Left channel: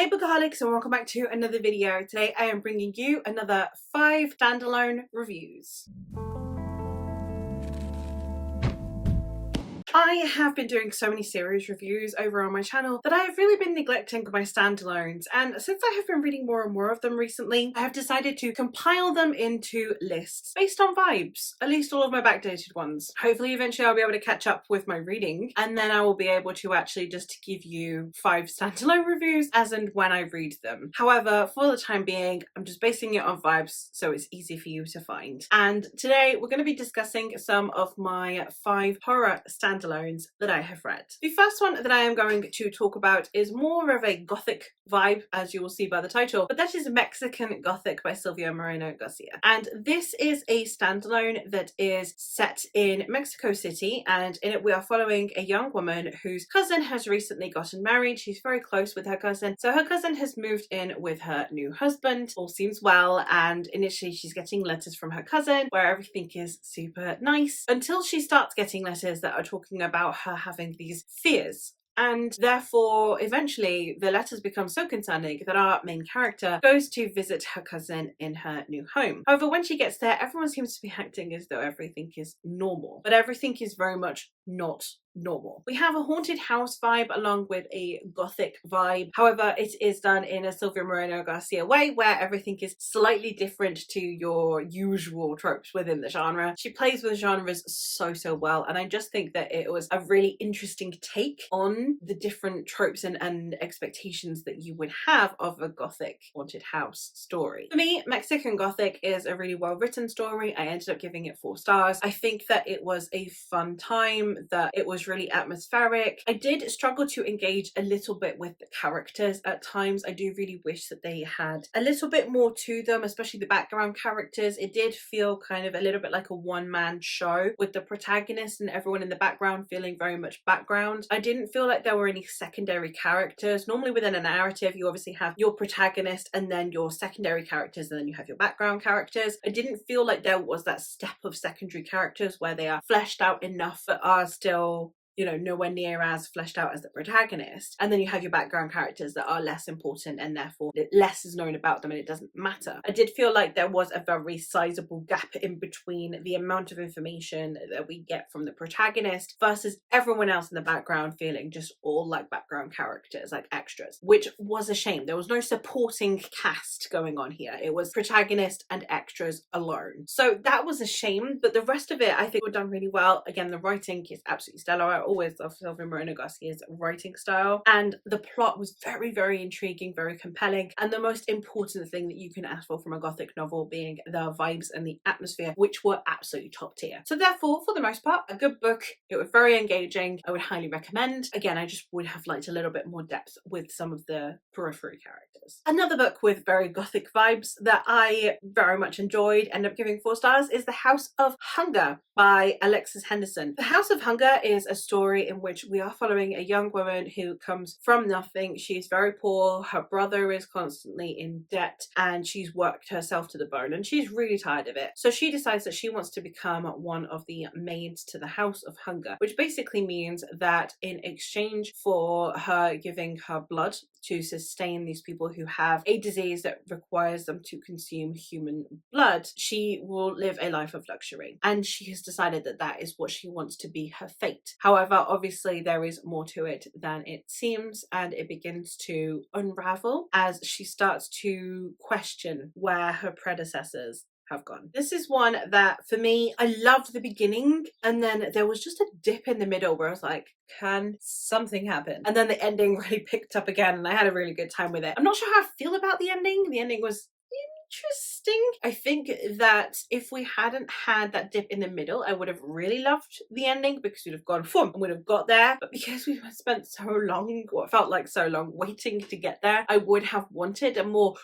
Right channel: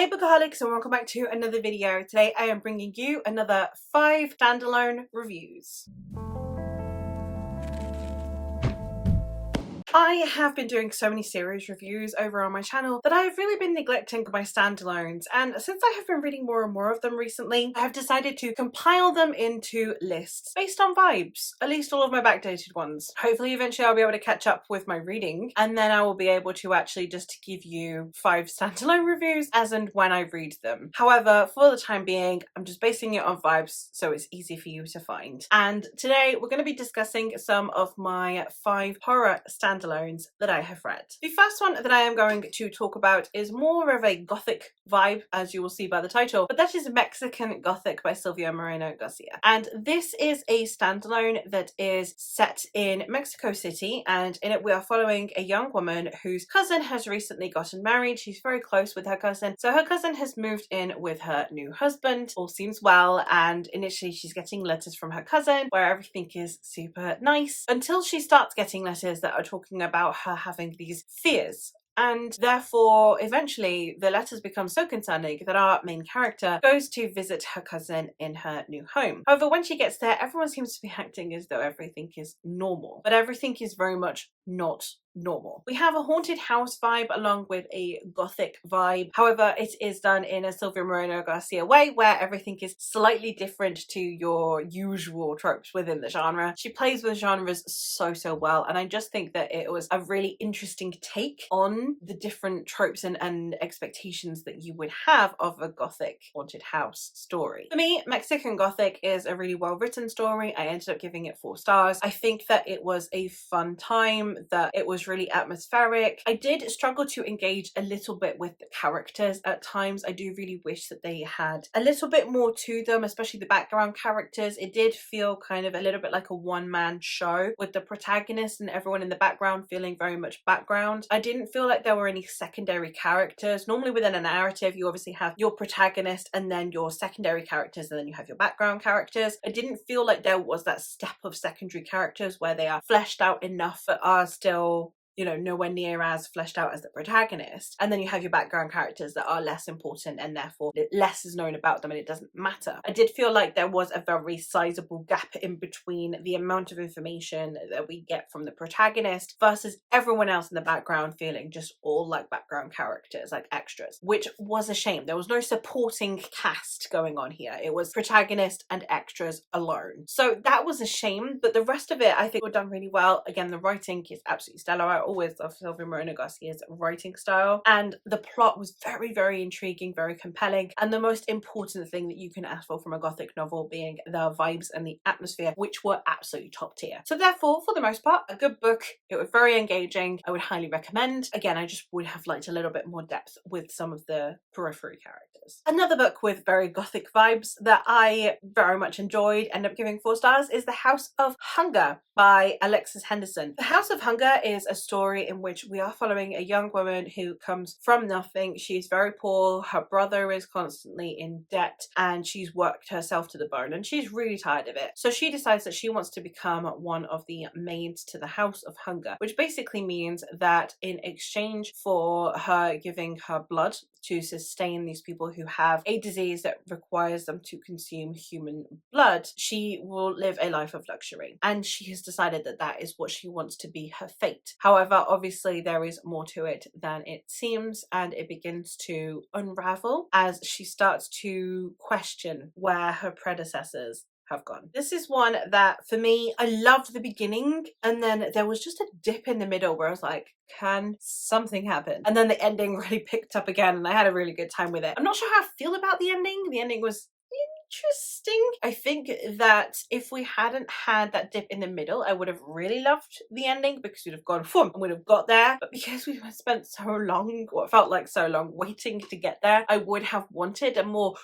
Hey Bookaholics, and welcome back to another video. Today I am bringing you another 5 standalone reviews. I have been doing so many series reviews over on my channel that I have really been neglecting my standalones, and since I have been reading more and more of them recently, I have decided to compile them into lists based on vibes, at least all of my backdated ones. Hopefully eventually I'll be able to catch up with my reading, and then I will be able to actually just give you 5 standalone reviews as and when I read them. However, for the time being, I'm just basing it on vibes so it's easy for you to find. And today we're going to be discussing some of my 5 horror standalones that I have read. The first one that I am going to talk about is more of a Gothic vibe, as you will see by the title, but that is Mexican Gothic by Silvia Moreno Garcia. And this is a standalone that is set in Mexico City, and in it we are following a young woman whose cousin has recently gotten married. She's very close with her cousin, so her cousin has moved in with her new husband. All seems well, and initially she's getting letters from her cousin where everything is super nice, until she starts getting letters that are talking about her having these fears. And therefore, eventually, the letters become so concerning that our main character goes to visit her cousin in her new home. However, when she gets there, everyone seems to be acting as though everything is normal, but everything is very much not normal. We have a haunted house vibe along with a Gothic vibe. However, it is done in a Silvia Moreno Garcia way where everything is slightly different to your usual tropes within the genre. She plays with genres so well, and I just think that it was a really interesting take on the different tropes and expectations that you would have of a Gothic haunted house story. For me, Mexican Gothic is a really well written story. I ended up giving it 4 stars. I think that it was a fun time, that it was really atmospheric. I did struggle to engage a little bit with the characters at times. I do really wish that they had a little bit more to them, especially the background characters. It did feel kind of a little bit like a one-man show, with the protagonist and everyone in the background feeling very much background. I didn't feel like there were any secondary characters. Normally within a narrative you obviously have your protagonist and then your secondary characters and then you have your background characters. I didn't feel like there was that step of secondary characters where they are fleshed out enough but are still, you know, nowhere near as fleshed out as the protagonist. And then you have your background characters that are less important and therefore less is known about them and it doesn't matter. I did feel like there was a very sizable gap in between the amount of information that we get from the protagonist versus everyone else in the background feeling just all like background characters, like extras, which was a shame. There was no supporting cast going on here. It was protagonist and extras alone. So that was a shame, but the rest of it I think were done really well. Again, the writing is absolutely stellar. I always love Silvia Moreno Garcia's writing style, and the plot was very intriguing, very compelling, and the most important thing that you can ask for from a Gothic novel being the vibes and the atmosphere, which were absolutely top tier. So therefore, for the most part, a good book. It was very engaging. I would highly recommend. Again, I just would have liked a little bit more depth with some of the periphery characters. Another book with very Gothic vibes that I very much enjoyed, ended up giving 4 stars, is The House of Hunger by Alexis Henderson. The House of Hunger is a story in which we are following a young woman who comes from nothing. She's very poor, her brother is constantly in debt, and she's worked herself to the bone and she's really tired of it. So she decides that she wants to become one of the maids to the House of Hunger, which basically means that in exchange for her giving her blood to sustain these people who have a disease that requires them to consume human blood, she will live a life of luxury. And she has decided that that is what she wants to be her fate. However, obviously there is more to it than it seems, and it begins to unravel as she starts to question where her predecessors have gone. This is one that, for me, I loved the beginning, and then there was just a dip in the middle where I was like, can something happen? And then the ending really picked up again, and I had a really good time with it. I'm not sure how I feel about the ending. The ending was interesting. I think that if we hadn't had that dip in the middle, I would have really loved the ending because we'd have gone boom and would have got there. But because we spent so long, what felt like so long, waiting to get there, I would have wanted a more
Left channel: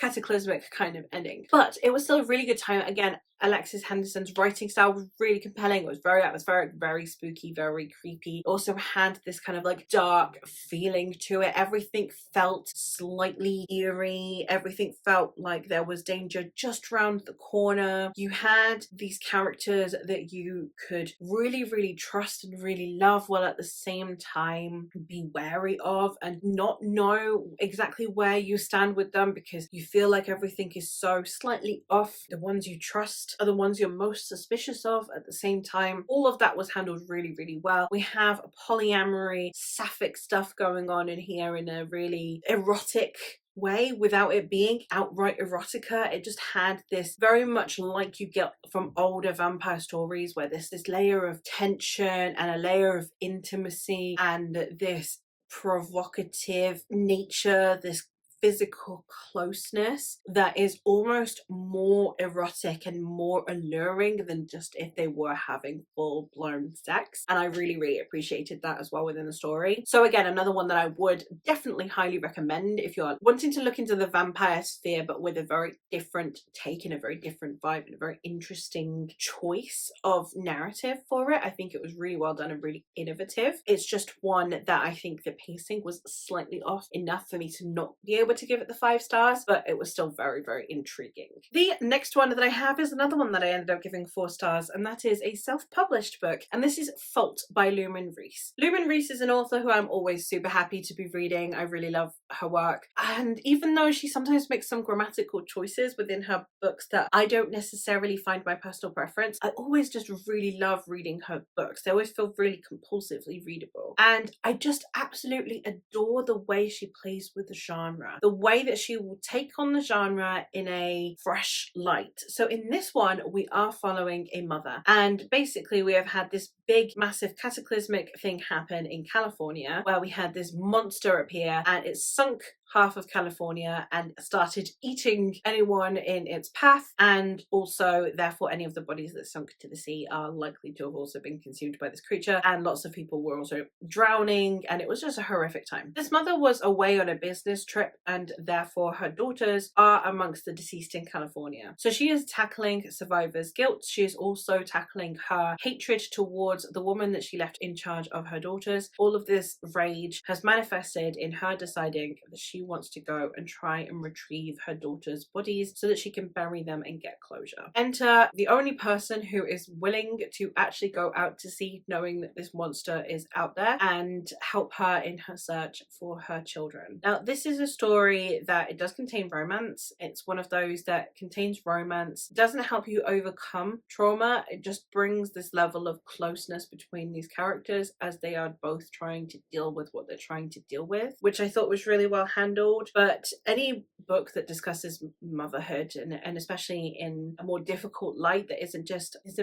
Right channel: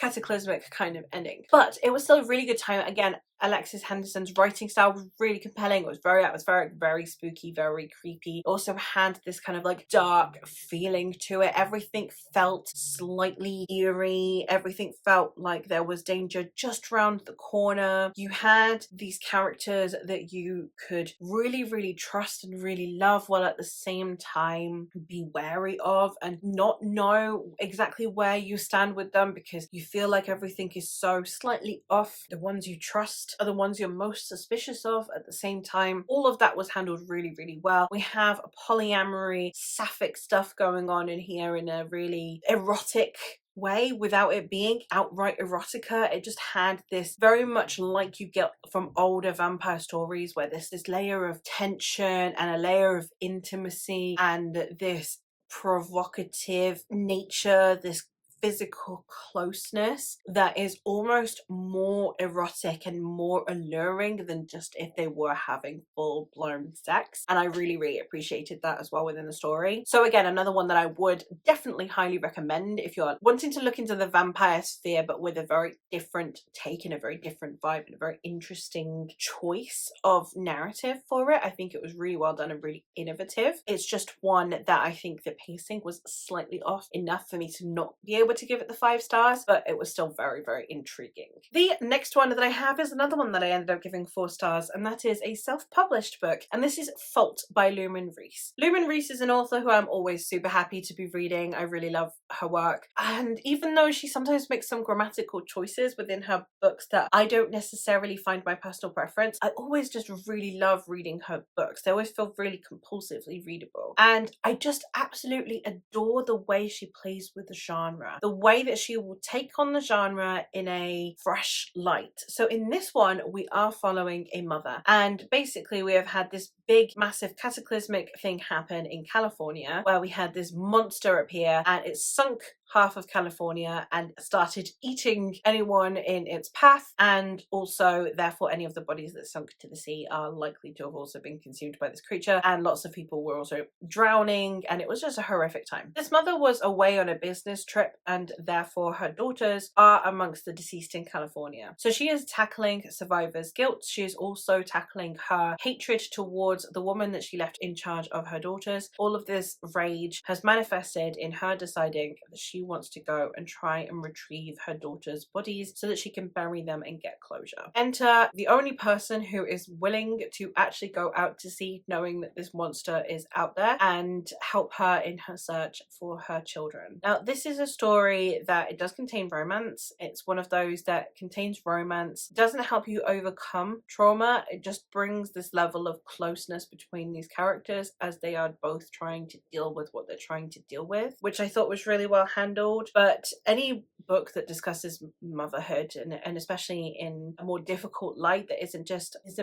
cataclysmic kind of ending. But it was still a really good time. Again, Alexis Henderson's writing style was really compelling. It was very atmospheric, very spooky, very creepy. It also had this kind of like dark feeling to it. Everything felt slightly eerie. Everything felt like there was danger just around the corner. You had these characters that you could really, really trust and really love, while at the same time be wary of and not know exactly where you stand with them, because you feel like everything is so slightly off. The ones you trust are the ones you're most suspicious of at the same time. All of that was handled really, really well. We have a polyamory, sapphic stuff going on in here in a really erotic way without it being outright erotica. It just had this very much like you get from older vampire stories, where there's this layer of tension and a layer of intimacy and this provocative nature, this physical closeness that is almost more erotic and more alluring than just if they were having full-blown sex. And I really, really appreciated that as well within the story. So again, another one that I would definitely highly recommend if you're wanting to look into the vampire sphere, but with a very different take and a very different vibe and a very interesting choice of narrative for it. I think it was really well done and really innovative. It's just one that I think the pacing was slightly off enough for me to not be able to give it the 5 stars, but it was still very, very intriguing. The next one that I have is another one that I ended up giving 4 stars, and that is a self-published book, and this is Fault by Lumen Reese. Lumen Reese is an author who I'm always super happy to be reading. I really love her work, and even though she sometimes makes some grammatical choices within her books that I don't necessarily find my personal preference, I always just really love reading her books. They always feel really compulsively readable, and I just absolutely adore the way she plays with the genre, the way that she will take on the genre in a fresh light. So in this one, we are following a mother, and basically we have had this big, massive cataclysmic thing happen in California, where we had this monster appear and it sunk half of California and started eating anyone in its path, and also therefore any of the bodies that sunk to the sea are likely to have also been consumed by this creature, and lots of people were also drowning, and it was just a horrific time. This mother was away on a business trip, and therefore her daughters are amongst the deceased in California. So she is tackling survivor's guilt. She is also tackling her hatred towards the woman that she left in charge of her daughters. All of this rage has manifested in her deciding that she wants to go and try and retrieve her daughters' bodies so that she can bury them and get closure. Enter the only person who is willing to actually go out to sea, knowing that this monster is out there, and help her in her search for her children. Now, this is a story that it does contain romance. It's one of those that contains romance, doesn't help you overcome trauma. It just brings this level of closeness between these characters as they are both trying to deal with what they're trying to deal with, which I thought was really well handled. But any book that discusses motherhood, and especially in a more difficult light that isn't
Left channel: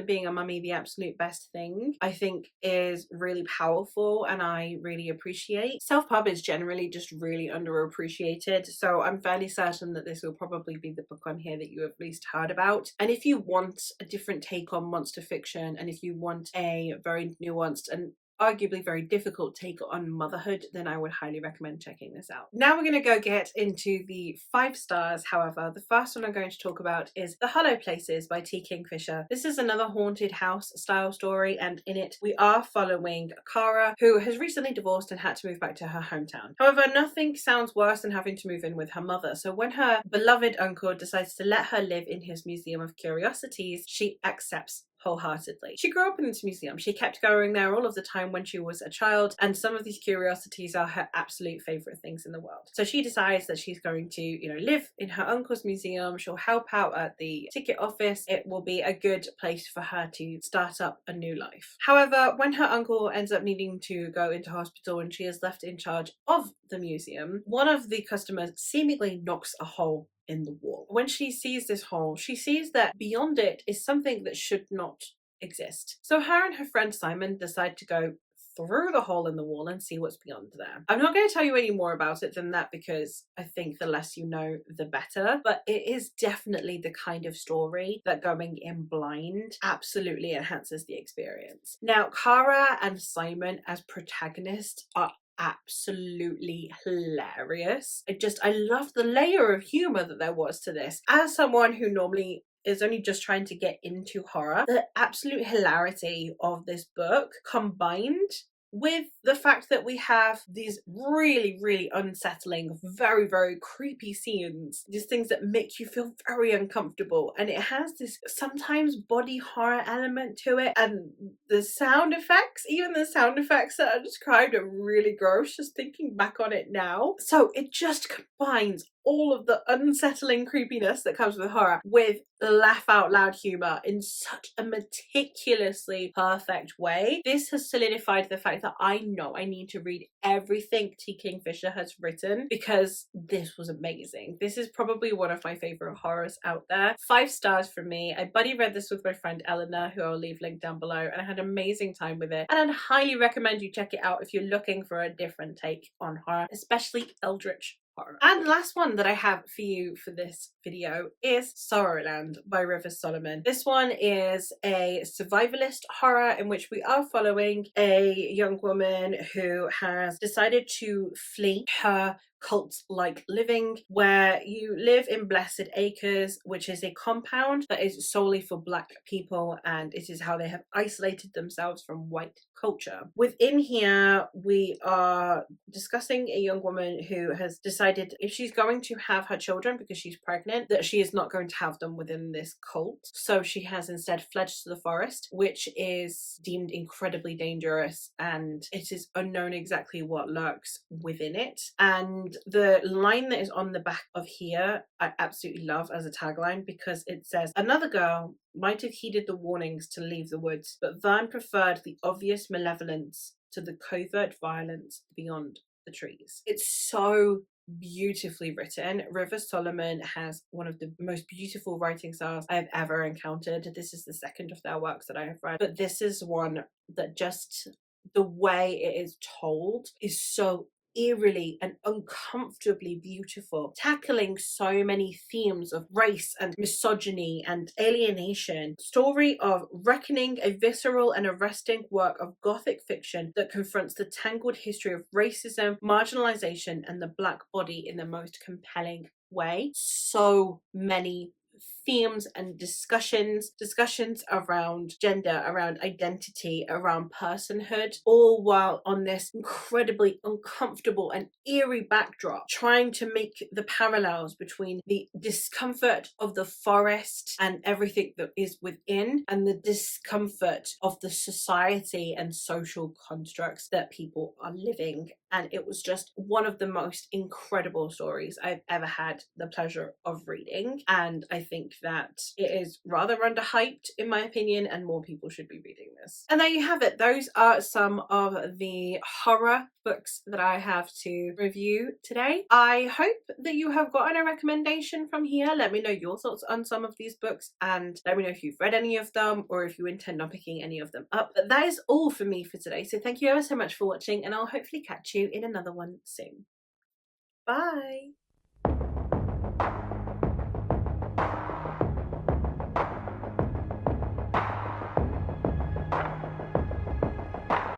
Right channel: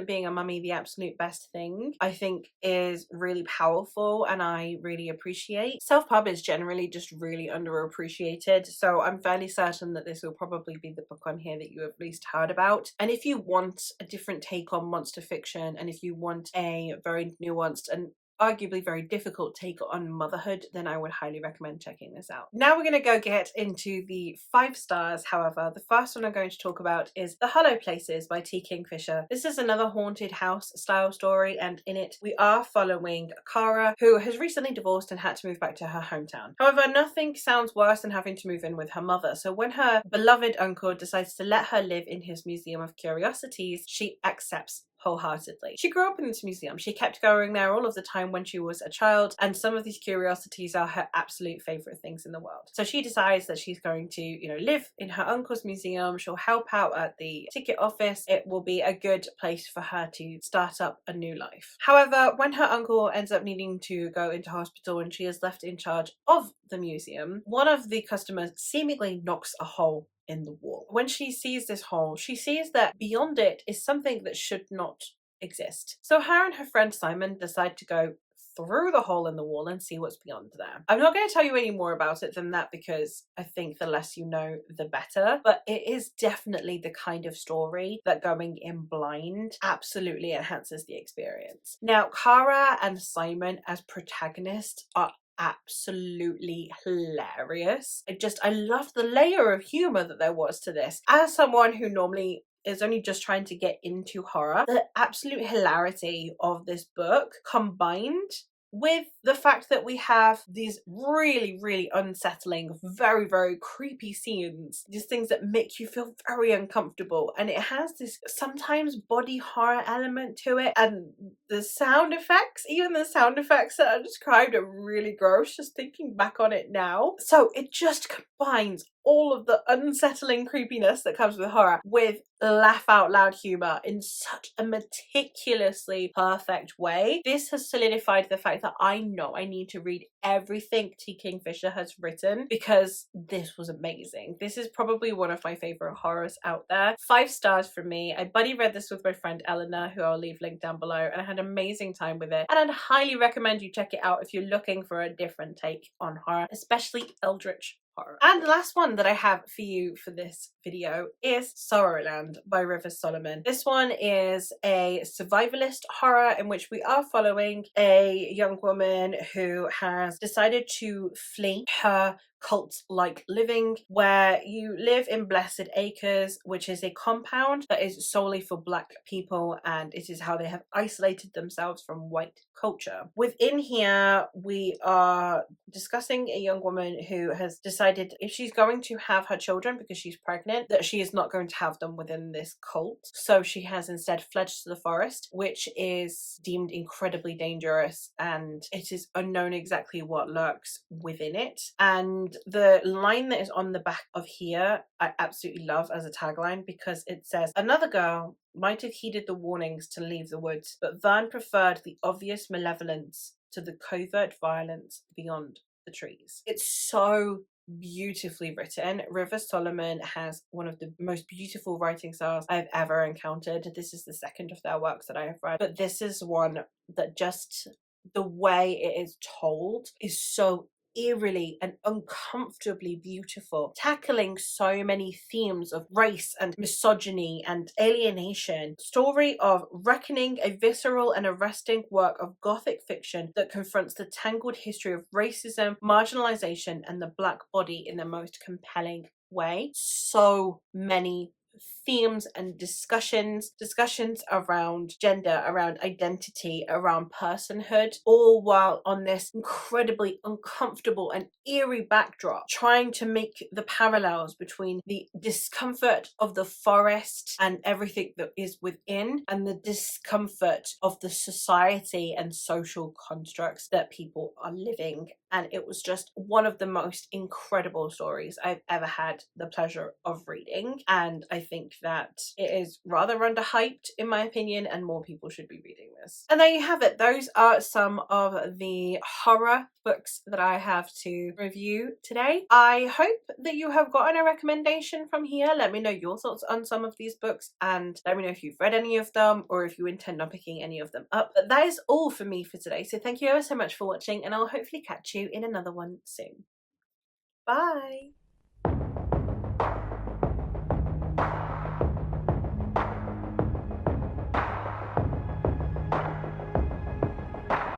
being a mummy the absolute best thing, I think is really powerful and I really appreciate. Self-pub is generally just really underappreciated, so I'm fairly certain that this will probably be the book on here that you have least heard about. And if you want a different take on monster fiction, and if you want a very nuanced and arguably very difficult take on motherhood, then I would highly recommend checking this out. Now we're going to go get into the 5 stars. However, the first one I'm going to talk about is The Hollow Places by T. Kingfisher. This is another haunted house style story, and in it we are following Cara, who has recently divorced and had to move back to her hometown. However, nothing sounds worse than having to move in with her mother, so when her beloved uncle decides to let her live in his museum of curiosities, she accepts wholeheartedly. She grew up in this museum. She kept going there all of the time when she was a child, and some of these curiosities are her absolute favorite things in the world. So she decides that she's going to, live in her uncle's museum. She'll help out at the ticket office. It will be a good place for her to start up a new life. However, when her uncle ends up needing to go into hospital and she is left in charge of the museum, one of the customers seemingly knocks a hole in the wall. When she sees this hole, she sees that beyond it is something that should not exist. So her and her friend Simon decide to go through the hole in the wall and see what's beyond there. I'm not going to tell you any more about it than that, because I think the less you know, the better. But it is definitely the kind of story that going in blind absolutely enhances the experience. Now, Cara and Simon as protagonists are absolutely hilarious. I love the layer of humor that there was to this. As someone who normally is only just trying to get into horror, the absolute hilarity of this book combined with the fact that we have these really, really unsettling, very, very creepy scenes, these things that make you feel very uncomfortable, and it has this sometimes body horror element to it, and the sound effects, even the sound effects that I described, are really gross just thinking back on it now. So it just combines all of the unsettling creepiness that comes with horror with laugh out loud humor in such a meticulously perfect way. This has solidified the fact that I know I need to read everything T. Kingfisher has written, because this was amazing. This is probably one of my favorite horrors out there. 5 stars from me. I buddy read this with my friend Eleanor, who I'll leave linked down below, and I had an amazing time with it, and I'd highly recommend you check it out if you're looking for a different take on horror, especially eldritch horror. And the last one that I have for you for this video is Sorrowland by River Solomon. This one is a survivalist horror in which we are following a young woman who has decided to flee her cult-like living, where you live in Blessed Acres, which is a compound that is solely for Black people, and it is how they have isolated themselves from white culture. Within here, we are discussing a young woman who has decided if she's going to have her children because she's pregnant, that she is not going to have them within this cult. So she has instead fled to the forest, which is deemed incredibly dangerous, and it is unknown exactly what lurks within it. And the line that is on the back of here, I absolutely love as a tagline, because it says, "Another girl might have heeded the warnings to leave the woods, but Vern preferred the obvious malevolence to the covert violence beyond the trees." It's so beautifully written. River Solomon has one of the most beautiful writing styles I've ever encountered. This is the second of their works that I have read, but this is one that just the way it is told is so eerily and uncomfortably beautiful, tackling so many themes of race and misogyny and alienation. Story of reckoning, a visceral and arresting work of Gothic fiction that confronts the tangled history of racism, marginalization, and the Black body in the most compelling way. So many themes and discussions around gender, around identity, around personhood, all while on this incredibly uncomfortable and eerie backdrop, trying to make the parallels between the discomfort of the forest and everything that is within, and the discomfort of the society and social constructs that people are living. And it was just one of the most incredible stories I've ever had the pleasure of reading, and I think that it is rather underhyped in my opinion, and more people should be reading this. And there you have it. Those are some of the horror books that I have to review today. I hope that you have gotten a recommendation from here. Let me know your thoughts on some of these books, and let me know if you've read any of them or if you intend on picking any of them up. But that is all for me for today, so thank you ever so much for watching, and I'll hopefully catch you in another one soon. Bye!